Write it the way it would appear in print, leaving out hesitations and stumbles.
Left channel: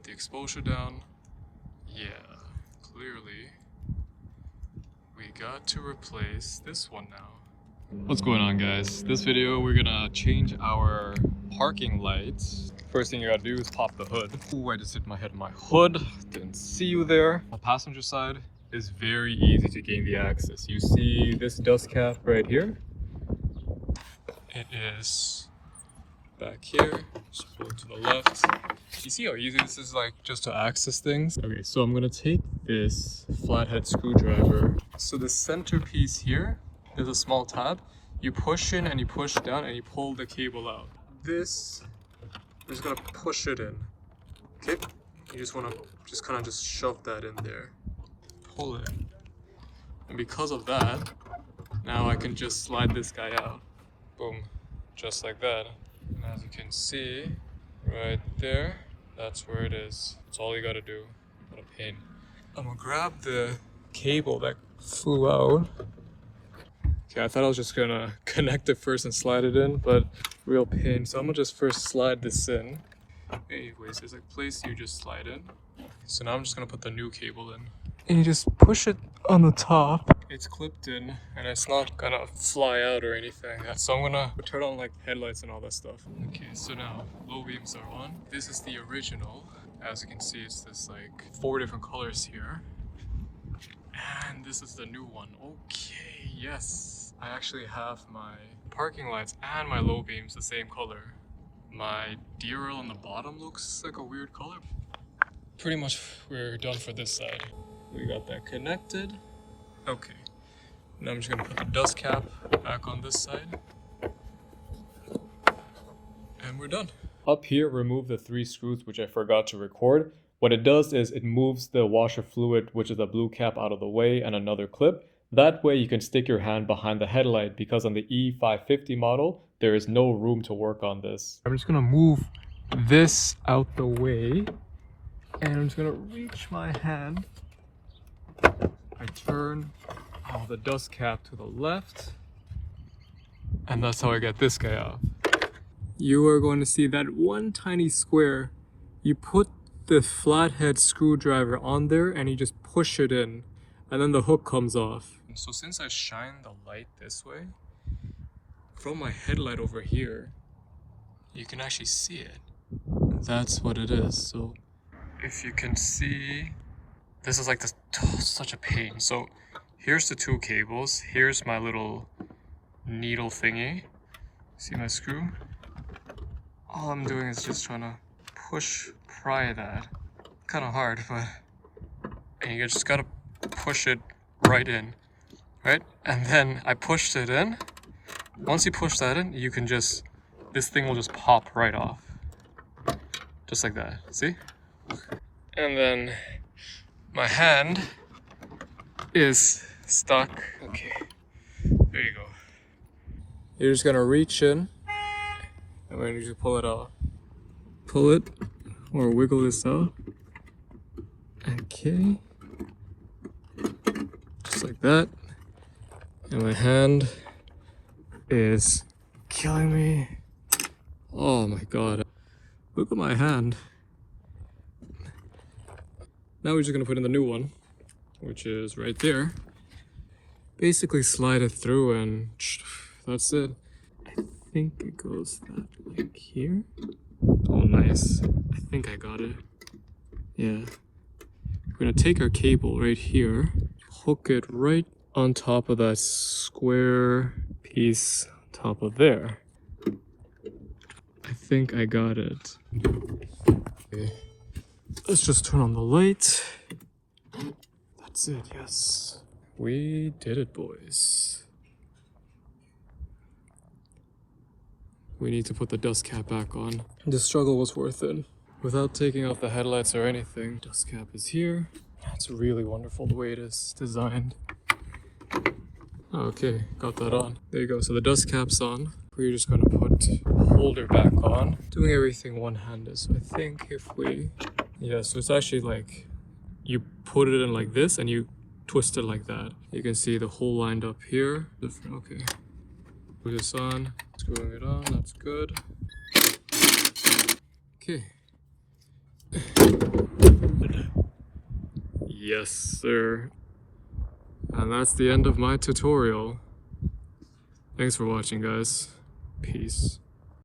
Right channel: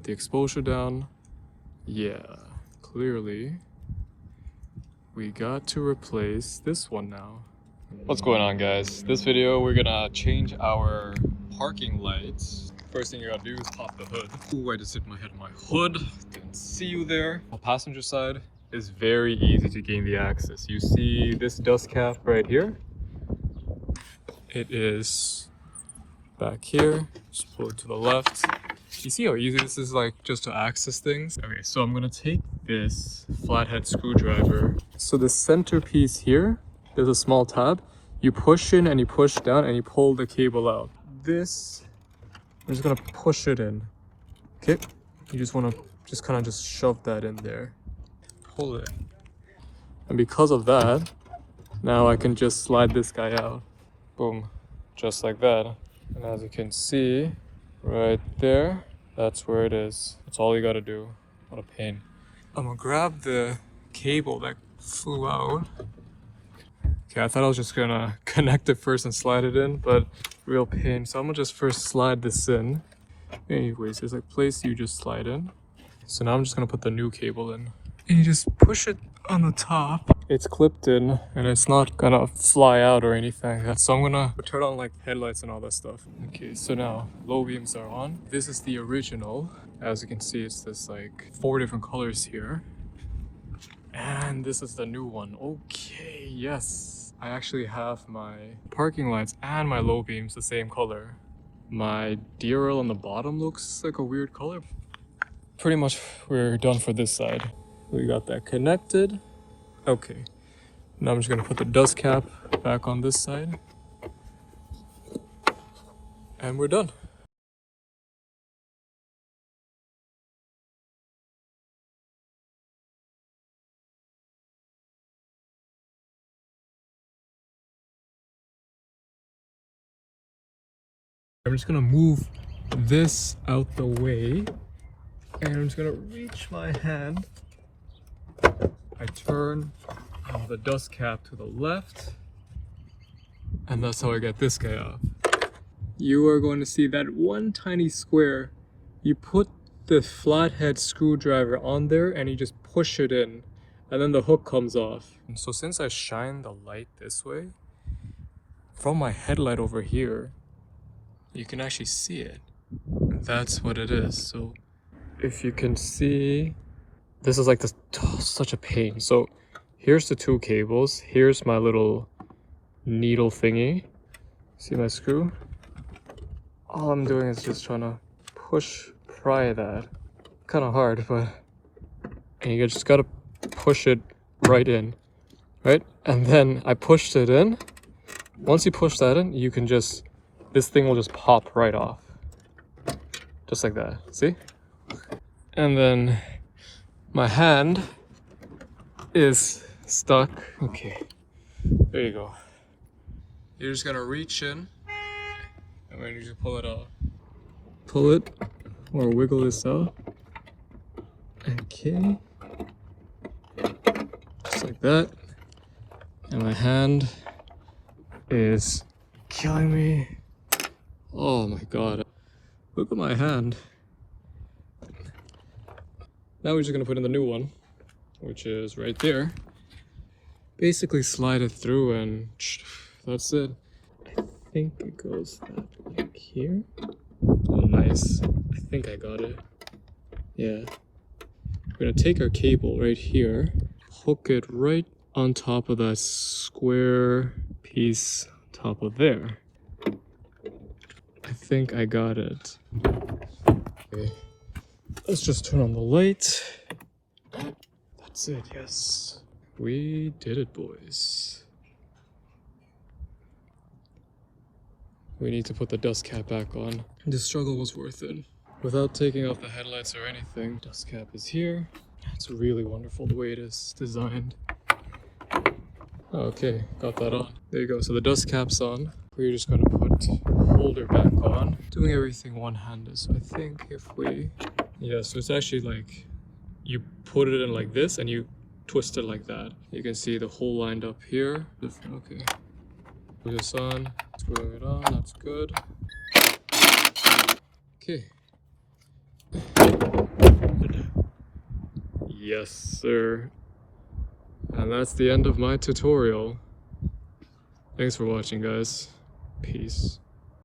Put the exposure down. Yeah, clearly we got to replace this one now. What's going on, guys? This video we're gonna change our parking lights. First thing you gotta do is pop the hood. Ooh, I just hit my head on my hood. Didn't see you there. On the passenger side is very easy to gain the access. You see this dust cap right here? It is back here. Just pull it to the left. You see how easy this is, like, just to access things? Okay, so I'm gonna take this flathead screwdriver. So the centerpiece here, there's a small tab. You push in and you push down and you pull the cable out. This, I'm just gonna push it in. Okay? You just wanna just kind of just shove that in there. Pull it. And because of that, now I can just slide this guy out. Boom. Just like that. And as you can see, right there, that's where it is. That's all you gotta do. What a pain. I'm gonna grab the cable that flew out. Okay, I thought I was just gonna connect it first and slide it in, but real pain. So I'm gonna just first slide this in. Anyways, there's a place you just slide in. So now I'm just gonna put the new cable in. And you just push it on the top. It's clipped in and it's not gonna fly out or anything. So I'm gonna turn on like headlights and all that stuff. Okay, so now low beams are on. This is the original. As you can see, it's this like 4 different colors here. And this is the new one. Okay, yes. I actually have my parking lights and my low beams the same color. My DRL on the bottom looks like a weird color. Pretty much we're done for this side. We got that connected. Okay, now I'm just gonna put the dust cap back on this side. And we're done. Up here, remove the 3 screws, which I forgot to record. What it does is it moves the washer fluid, which is the blue cap, out of the way, and another clip. That way you can stick your hand behind the headlight, because on the E550 model, there is no room to work on this. I'm just gonna move this out the way, and I'm just gonna reach my hand. I turn the dust cap to the left, and that's how I get this guy off. You are going to see that one tiny square. You put the flathead screwdriver on there and you just push it in, and then the hook comes off. So since I shine the light this way, from my headlight over here, you can actually see it. That's what it is. So if you can see, this is like this, such a pain. So here's the 2 cables. Here's my little needle thingy. See my screw? All I'm doing is just trying to pry that. Kind of hard, but and you just gotta push it right in, right? And then I pushed it in. Once you push that in, you can just, this thing will just pop right off. Just like that, see? And then my hand is stuck. Okay, there you go. You're just gonna reach in and we're gonna just pull it out. Pull it or wiggle this out. Okay, just like that. And my hand is killing me. Oh my god, look at my hand. Now we're just gonna put in the new one, which is right there. Basically slide it through and that's it. I think it goes that like here. Oh nice, I think I got it. Yeah. We're gonna take our cable right here, hook it right on top of that square piece on top of there. I think I got it. Okay. Let's just turn on the light. That's it, yes. We did it, boys. We need to put the dust cap back on. The struggle was worth it. Without taking off the headlights or anything, dust cap is here. It's really wonderful the way it is designed. Okay, got that on. There you go, so the dust cap's on. We're just gonna put the holder back on. Doing everything one-handed, so I think if we... Yeah, so it's actually like, you put it in like this and you twist it like that. You can see the hole lined up here. Okay. Put this on, screwing it on, that's good. Okay. Yes, sir. And that's the end of my tutorial. Thanks for watching, guys. Peace.